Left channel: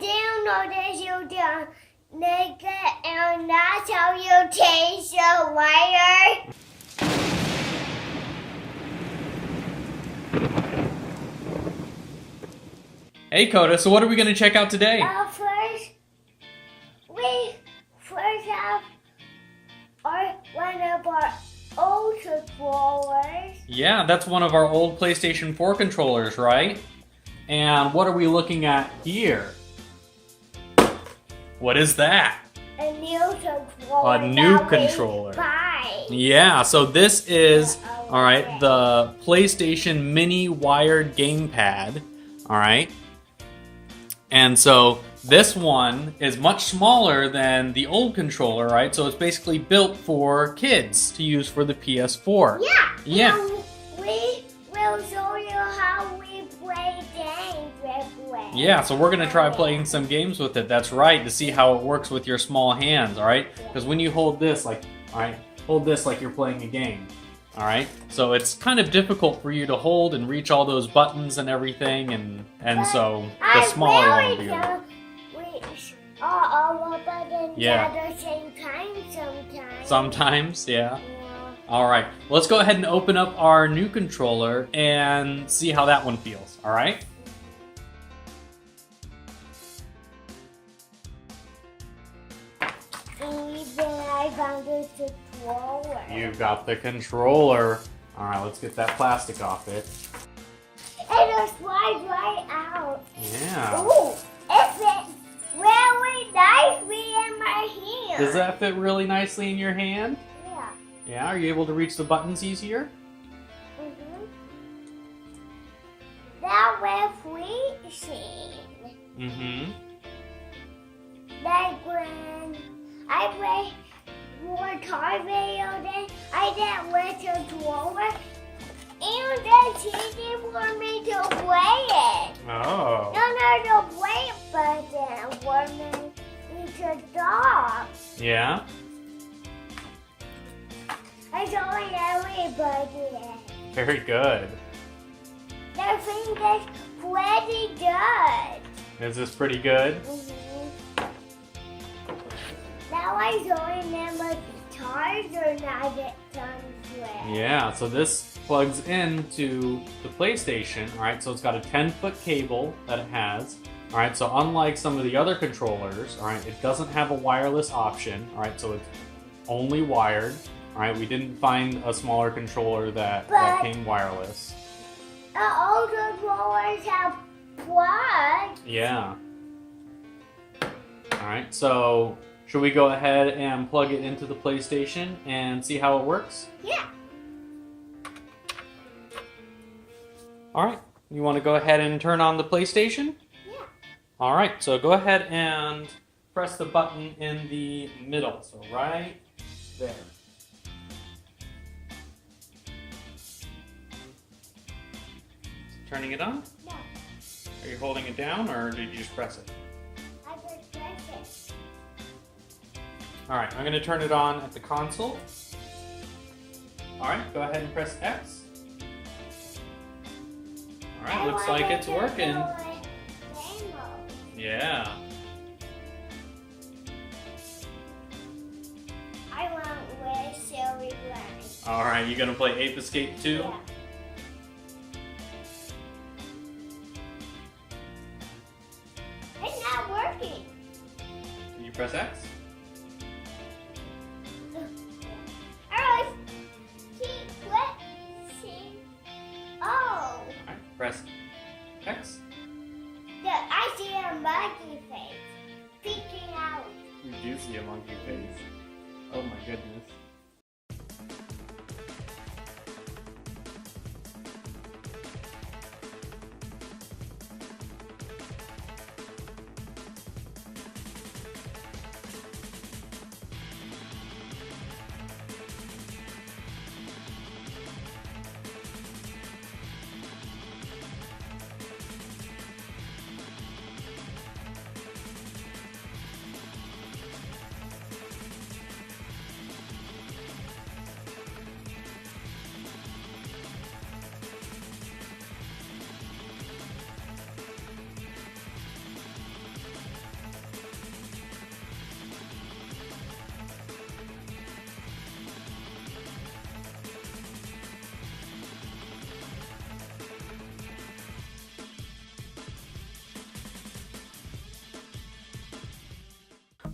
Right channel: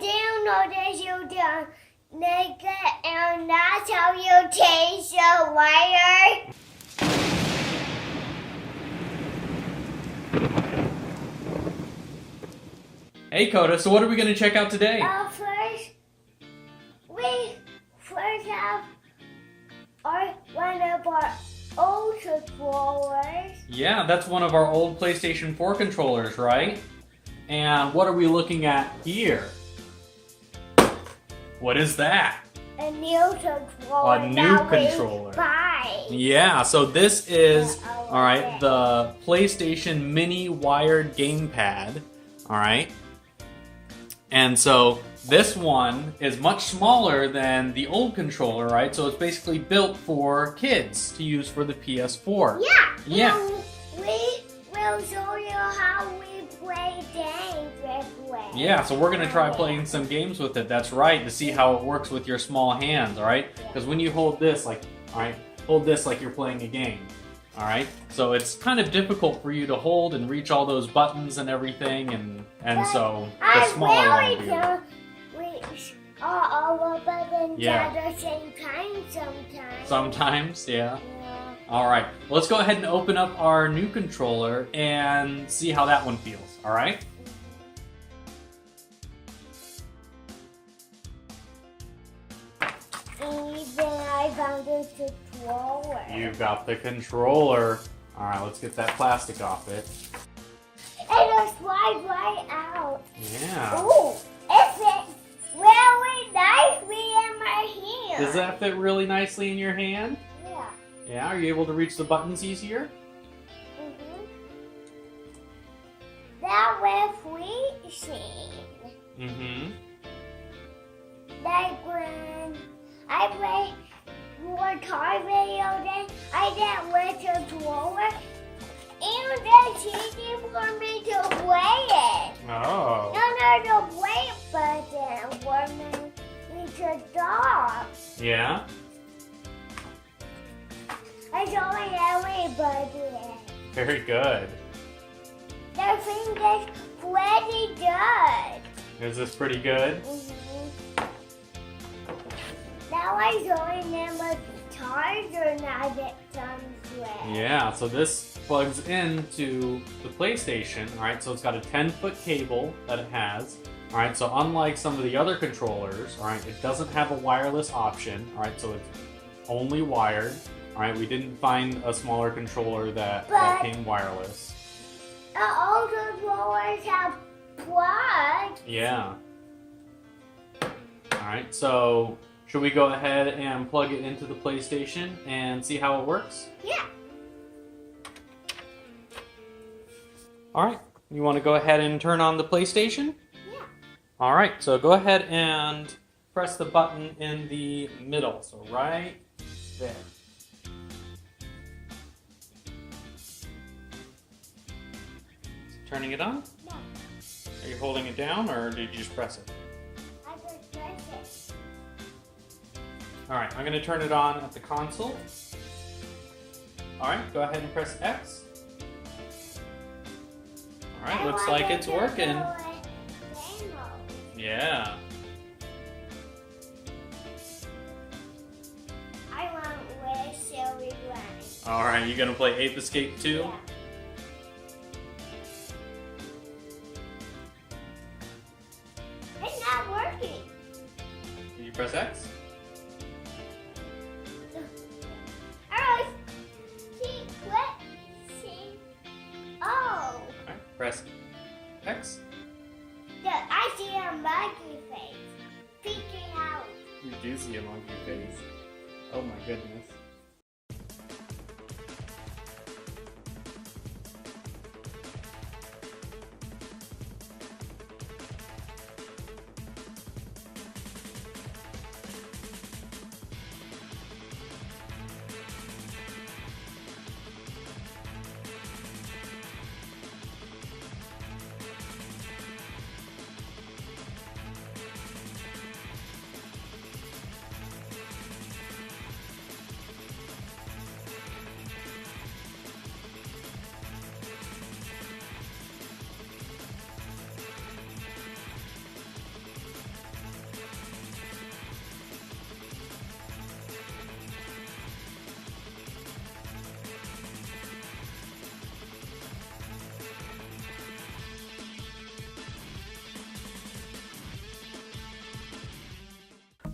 notice you don't make it, and that's how you change the wire. Hey Koda, so what are we going to check out today? First have one of our old controllers. Yeah, that's one of our old PlayStation 4 controllers, right? And what are we looking at here? What is that? A new controller. A new controller. Yeah, so this is, alright, the PlayStation Mini wired Gamepad. Alright. And so this one is much smaller than the old controller, right? So it's basically built for kids to use for the PS4. Yeah. And we will show you how we play games with it. Yeah, so we're going to try playing some games with it. That's right, to see how it works with your small hands, all right? Because when you hold this, like, all right, hold this like you're playing a game. All right, so it's kind of difficult for you to hold and reach all those buttons and everything, and so the smaller one will be able to reach all the buttons at the same time sometimes. Sometimes, yeah. All right, let's go ahead and open up our new controller and see how that one feels. All right. Then I found the controller. You've got the controller. All right, let's get that plastic off it. It slides right out. Yeah. Ooh, it fits really nicely in my hand. Does that fit really nicely in your hand? Yeah. Yeah, are you able to reach the buttons easier? Mm-hmm. That with reaching. Mm-hmm. Like when I play more car video, then I get with the controller, and it's easy for me to play it. Oh. No, the play button for me to stop. Yeah? I showing everybody. Very good. The thing is pretty good. Is this pretty good? Mm-hmm. Now I'm showing them a charger now that comes with. Yeah, so this plugs into the PlayStation, alright, so it's got a 10-foot cable that it has. Alright, so unlike some of the other controllers, alright, it doesn't have a wireless option, alright, so it's only wired. Alright, we didn't find a smaller controller that came wireless. The old controllers have plugs. Yeah. Alright, so should we go ahead and plug it into the PlayStation and see how it works? Yeah. Alright, you want to go ahead and turn on the PlayStation? Yeah. Alright, so go ahead and press the button in the middle, so right there. Turning it on? No. Are you holding it down or did you just press it? I just press it. Alright, I'm going to turn it on at the console. Alright, go ahead and press X. Alright, looks like it's working. Yeah. I want with Silly Granny. Alright, you going to play Ape Escape 2? Yeah. It's not working. Did you press X? Oh. Alright, press X. I see a monkey face peeking out. You do see a monkey face. Oh my goodness.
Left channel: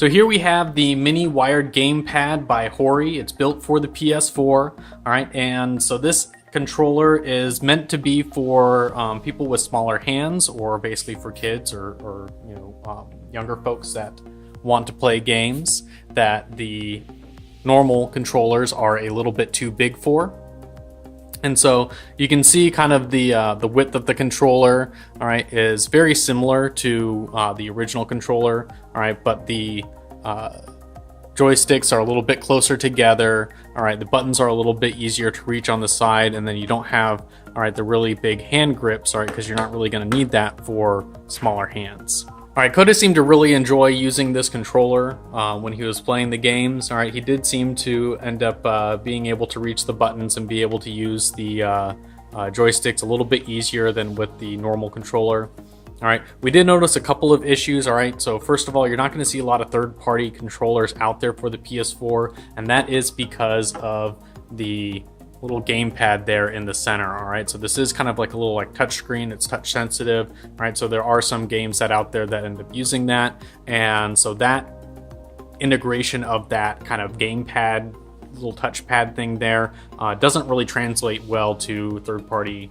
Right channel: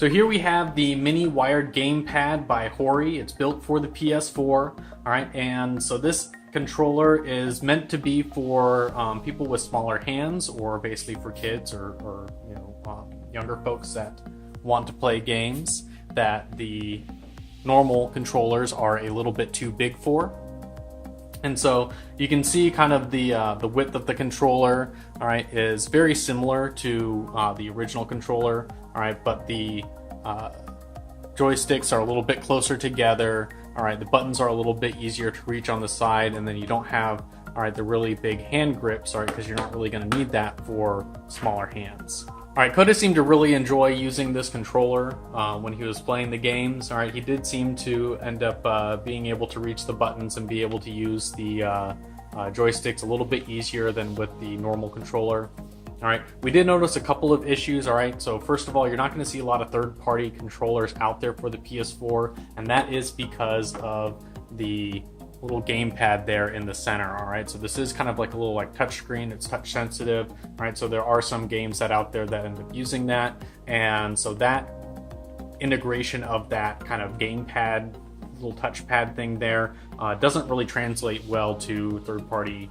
So here we have the mini wired gamepad by HORI. It's built for the PS4. All right, and so this controller is meant to be for people with smaller hands, or basically for kids or you know, younger folks that want to play games that the normal controllers are a little bit too big for. And so you can see kind of the width of the controller, all right, is very similar to the original controller, all right, but the joysticks are a little bit closer together, all right, the buttons are a little bit easier to reach on the side, and then you don't have, all right, the really big hand grips, all right, because you're not really going to need that for smaller hands. All right, Koda seemed to really enjoy using this controller when he was playing the games. All right, he did seem to end up being able to reach the buttons and be able to use the joysticks a little bit easier than with the normal controller. All right, we did notice a couple of issues. All right, so first of all, you're not going to see a lot of third-party controllers out there for the PS4, and that is because of the little gamepad there in the center. All right, so this is kind of like a little like touch screen. It's touch sensitive. All right, so there are some games that out there that end up using that, and so that integration of that kind of gamepad, little touchpad thing there doesn't really translate well to third-party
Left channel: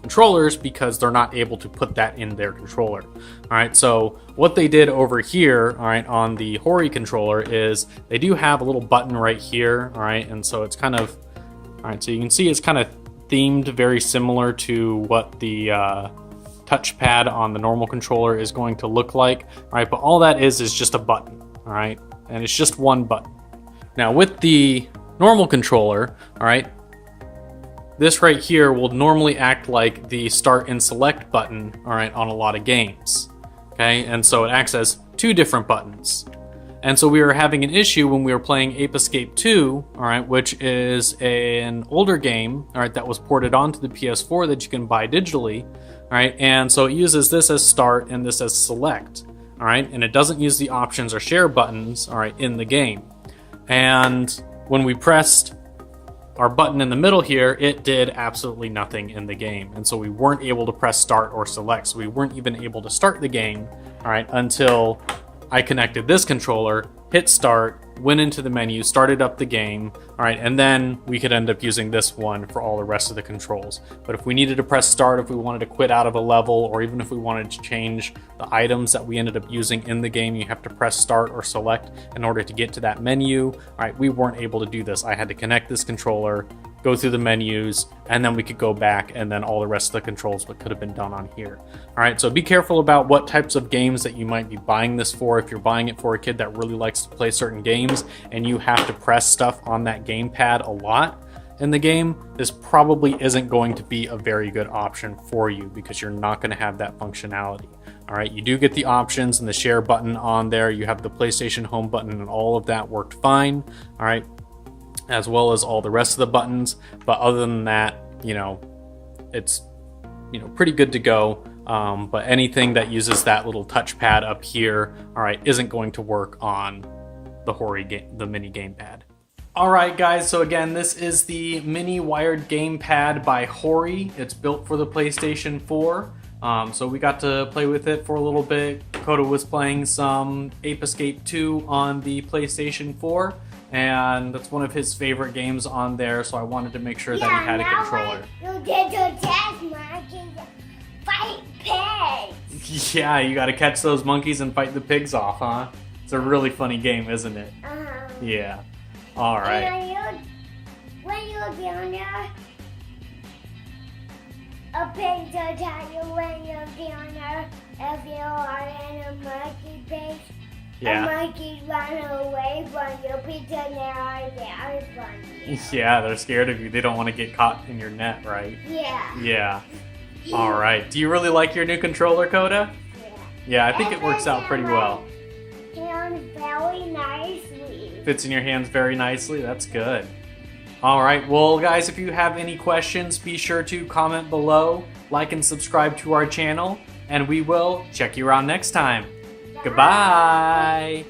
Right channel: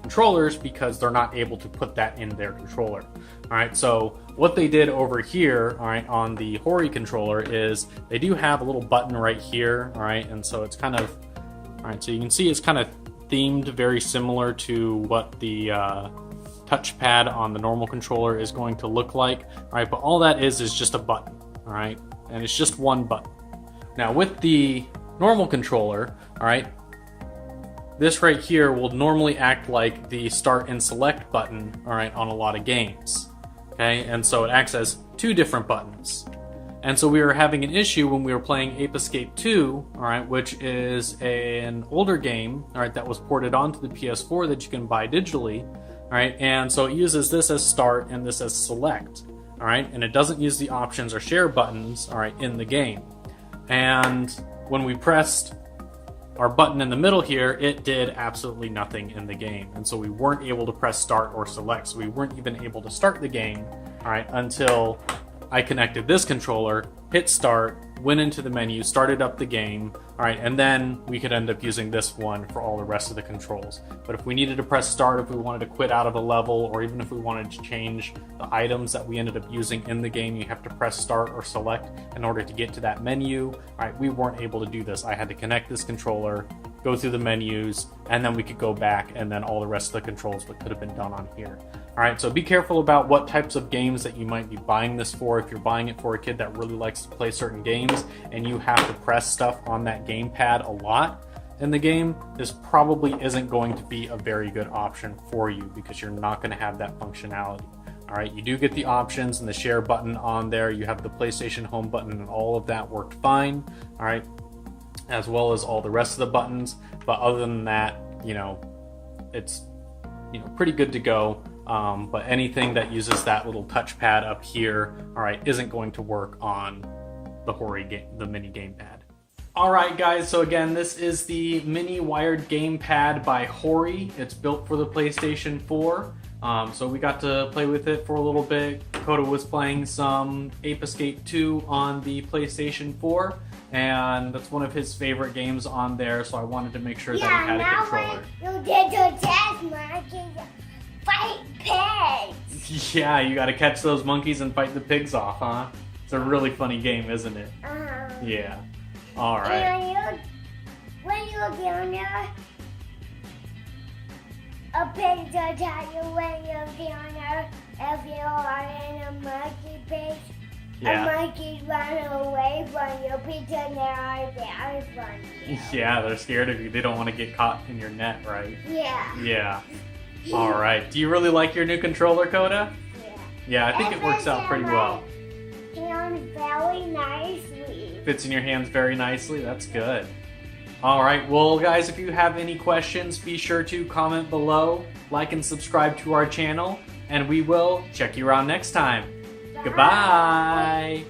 controllers because they're not able to put that in their controller. All right, so what they did over here, all right, on the HORI controller is they do have a little button right here. All right, and so it's kind of, all right, so you can see it's kind of themed very similar to what the touchpad on the normal controller is going to look like. All right, but all that is just a button. All right, and it's just one button. Now with the normal controller, all right, this right here will normally act like the start and select button, all right, on a lot of games. Okay, and so it acts as two different buttons. And so we were having an issue when we were playing Ape Escape 2, all right, which is an older game, all right, that was ported onto the PS4 that you can buy digitally, all right, and so it uses this as start and this as select, all right, and it doesn't use the options or share buttons, all right, in the game. And when we pressed our button in the middle here, it did absolutely nothing in the game, and so we weren't able to press start or select, so we weren't even able to start the game, all right, until I connected this controller, hit start, went into the menu, started up the game, all right, and then we could end up using this one for all the rest of the controls. But if we needed to press start, if we wanted to quit out of a level, or even if we wanted to change the items that we ended up using in the game, you have to press start or select in order to get to that menu. All right, we weren't able to do this. I had to connect this controller, go through the menus, and then we could go back, and then all the rest of the controls could have been done on here. All right, so be careful about what types of games that you might be buying this for. If you're buying it for a kid that really likes to play certain games and you have to press stuff on that gamepad a lot in the game, this probably isn't going to be a very good option for you because you're not going to have that functionality. All right, you do get the options and the share button on there. You have the PlayStation home button, and all of that worked fine. All right, as well as all the rest of the buttons. But other than that, you know, it's, you know, pretty good to go. But anything that uses that little touchpad up here, all right, isn't going to work on the HORI game, the mini gamepad. All right, guys, so again, this is the mini wired gamepad by HORI. It's built for the PlayStation 4. So we got to play with it for a little bit. Koda was playing some Ape Escape 2 on the PlayStation 4, and that's one of his favorite games on there, so I wanted to make sure that he had a controller. You get to test monkeys, fight pigs. Yeah, you gotta catch those monkeys and fight the pigs off, huh? It's a really funny game, isn't it? Yeah. All right. And when you're down there, a pig will tell you when you're down there. If you are in a monkey pig, a monkey run away from you because they are there from you. Yeah, they're scared of you. They don't want to get caught in your net, right? Yeah. Yeah. All right. Do you really like your new controller, Koda? Yeah. Yeah, I think it works out pretty well. Hands very nicely. Fits in your hands very nicely. That's good. All right. Well, guys, if you have any questions, be sure to comment below, like and subscribe to our channel, and we will check you around next time. Bye. Goodbye.